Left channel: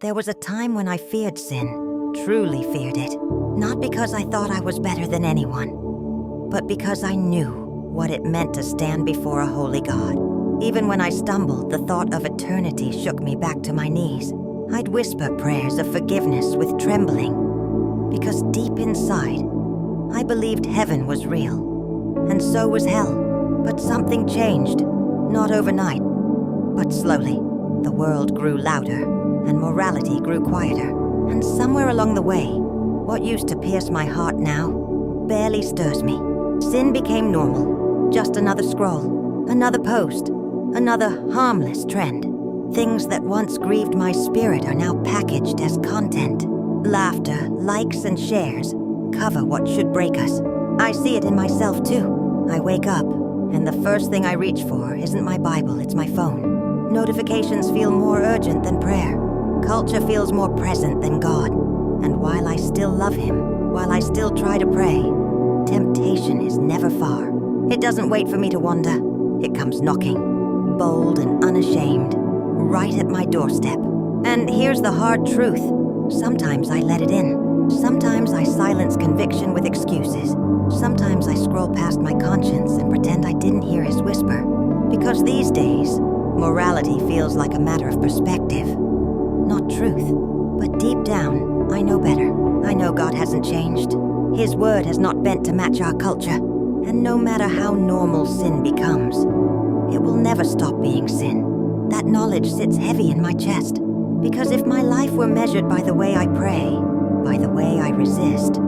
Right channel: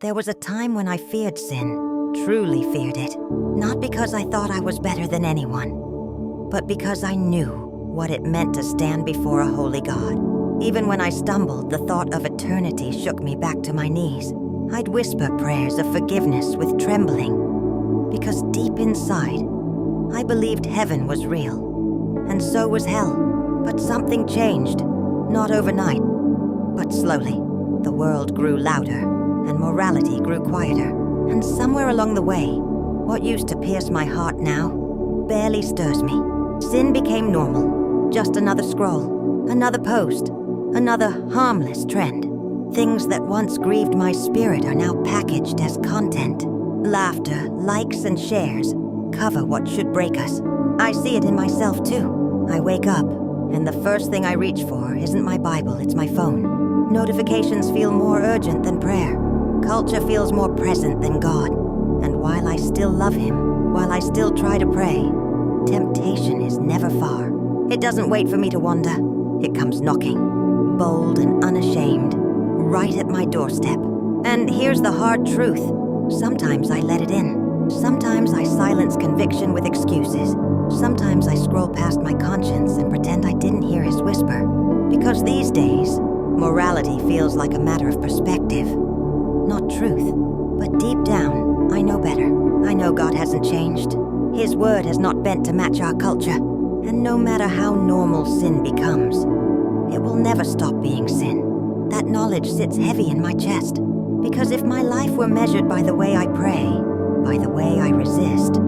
There was a time when I feared sin, truly feared it. Not because I thought I was better than anyone, but because I knew what it meant to stand before a holy God. Even when I stumbled, the thought of eternity shook me back to my knees. I'd whisper prayers of forgiveness with trembling, because deep inside, I believed heaven was real, and so was hell. But something changed, not overnight, but slowly. The world grew louder, and morality grew quieter. And somewhere along the way, what used to pierce my heart now barely stirs me. Sin became normal, just another scroll, another post, another harmless trend. Things that once grieved my spirit are now packaged as content. Laughter, likes, and shares cover what should break us. I see it in myself too. I wake up, and the first thing I reach for isn't my Bible, it's my phone. Notifications feel more urgent than prayer. Culture feels more present than God. And while I still love Him, while I still try to pray, temptation is never far. It doesn't wait for me to wander. It comes knocking, bold and unashamed, right at my doorstep. And here's the hard truth. Sometimes I let it in. Sometimes I silence conviction with excuses. Sometimes I scroll past my conscience and pretend I didn't hear His whisper. Because these days, morality feels like a matter of perspective, not truth. But deep down, I know better. I know God hasn't changed. His word has not bent to match our culture. And no matter how normal sin becomes, it will never stop being sin. That knowledge sits heavy in my chest. Because if my life were measured by the way I pray, by the way I resist,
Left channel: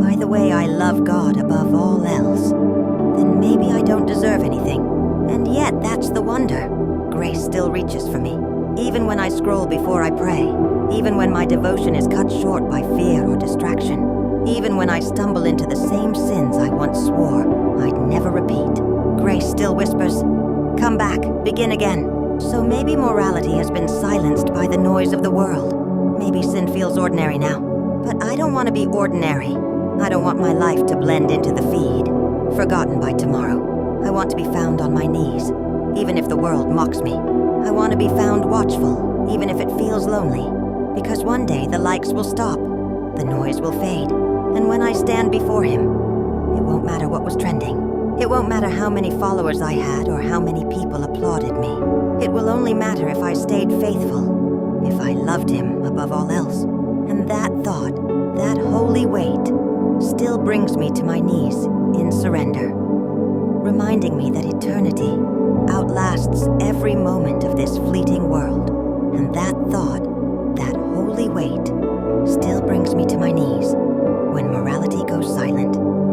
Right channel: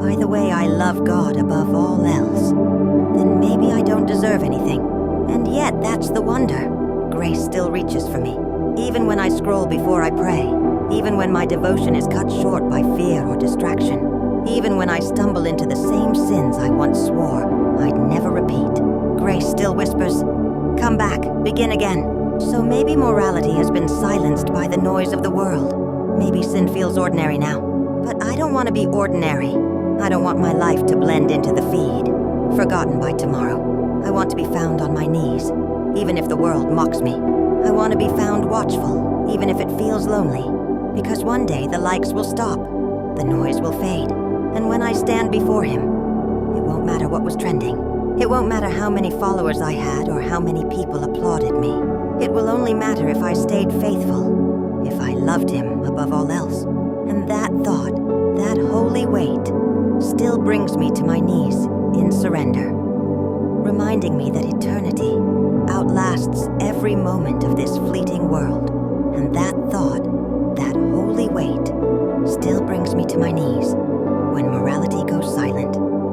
by the way I love God above all else, then maybe I don't deserve anything. And yet, that's the wonder. Grace still reaches for me, even when I scroll before I pray, even when my devotion is cut short by fear or distraction, even when I stumble into the same sins I once swore I'd never repeat. Grace still whispers, "Come back, begin again." So maybe morality has been silenced by the noise of the world. Maybe sin feels ordinary now. But I don't want to be ordinary. I don't want my life to blend into the feed, forgotten by tomorrow. I want to be found on my knees, even if the world mocks me. I want to be found watchful, even if it feels lonely. Because one day the likes will stop, the noise will fade, and when I stand before Him, it won't matter what was trending. It won't matter how many followers I had or how many people applauded me. It will only matter if I stayed faithful, if I loved Him above all else. And that thought, that holy weight, still brings me to my knees in surrender, reminding me that eternity outlasts every moment of this fleeting world. And that thought, that holy weight, still brings me to my knees.